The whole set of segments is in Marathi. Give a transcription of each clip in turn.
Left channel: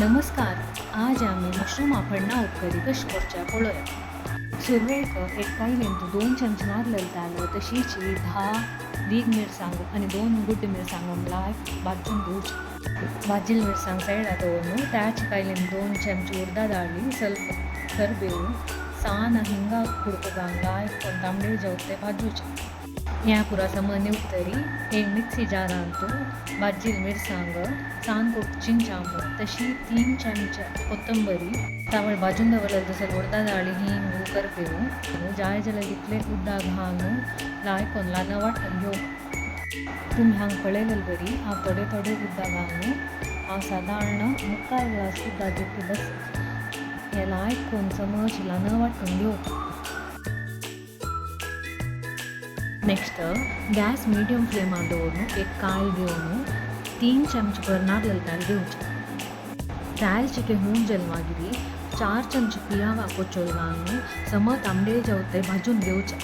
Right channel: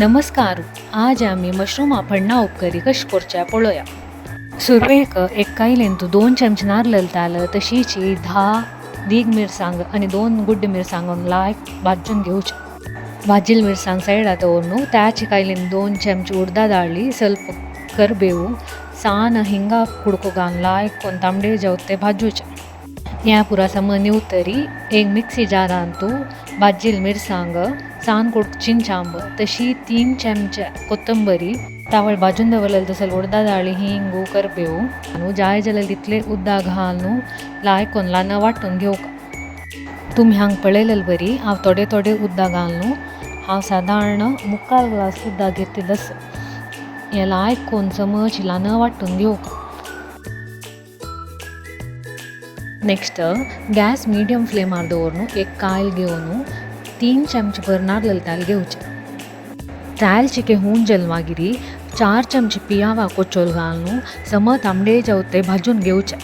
नमस्कार. आज आम्ही मशरूम आपण्णा उपकरी कशी करचे पळोवया. सुरवेक एक कायलेंतू 2 चमचे नारळ ताल तशीच 10 दीग मिरसांग आणि 2 गुड्ड मिरसांग लायक भाजून घेवचे. भाजिल मिरसांग सायडा दवरून त्याची कायलेन 2 चमचे उडदा डाळी ಸ್ವಲ್ಪ करबेವು सान हिंगा कुडको घालून लायक कोण तांबडे जावते भाजूचे. या पुरा समनी उतरी एक मिक्सी जारांतू भाजिल मिरसांग सान कुड चिंचांब तशी 3 चमचे कोथंबरी तावळ भाजून दवरलेलं तसं उडदा डाळी हिंगू करबेವು आणि जाय जाल्यार तितले उद्दा घालून लायक कोण लान वाटून घेवक. तुम्ही हांग पळयलेलं बरी हांव थोडे थोडे उद्दा घालून हांव साधारण मुक्काल ग्लास उद्दा घेतलंस हें लायक कोण चमच लान वाटून घेवक. नेक्स्ट गॅस मीडियम फ्लेमार दवरून एक कायल घेवन 3 चमचे भर नारळ ताल घेवचे. ताल चिके होऊन गेल मागिरी 4 चमचे पियावा कोचोल घालून सम तांबडे जावते भाजून घेवचे.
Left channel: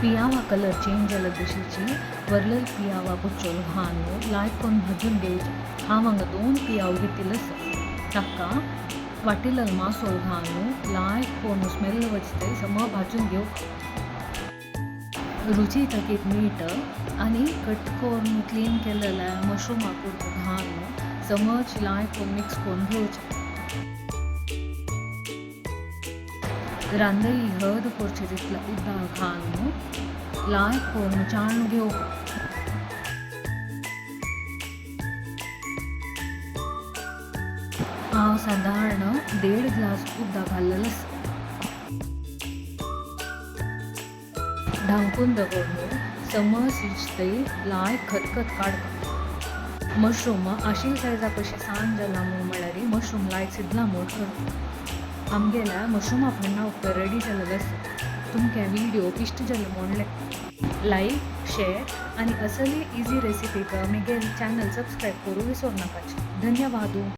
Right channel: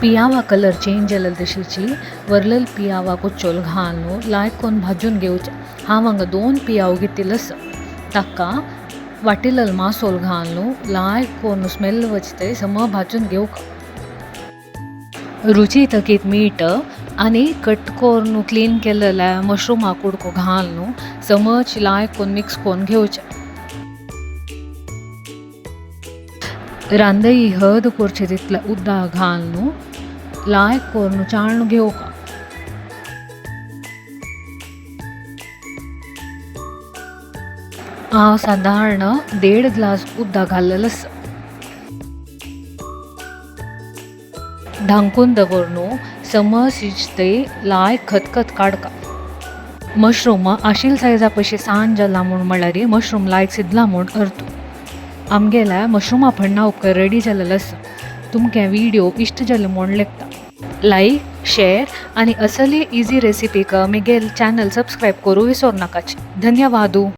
पियावा कलर चेंज जाल्यार तशीची वरलेल पियावा कोचोल घालून लायक कोण भाजून घेवचे. हांव हांगा 2 पियाव घेतिलस ताका वाटिलेल मासोल घालून लायक कोण स्मेल वचते सम भाजून घेवक. रुची तकीत मीठ आणि कट करून क्लीन केलेल्या मशरूमा कुडको घालून समज लायक कोण मिक्स करून घेवचे. रांदई हद करचे तितले उद्दा घालून लायक कोण चाळून घेवक. हांव साधारण 1.5 ग्लास उद्दा घाललेलस. ढांकून दवरून सम शिजते लायक खतखत काडका. मशरूम आशिल सायजा पशी सान जाला म्हूण म्हळ्यार मशरूम लायक शिजला म्हूण अर्थ. आमगेल्या मशरूम आपण्णा उपकर रेडी जालेलो आसा. तुमकां व्हिडिओ इश्ट जाले म्हूण लेखता. लायक, शेअर आणि असली इजी रेसिपीक आमगेल चॅनल सबस्क्राईब करूं विसरू नाकाचे. धन्यवाद.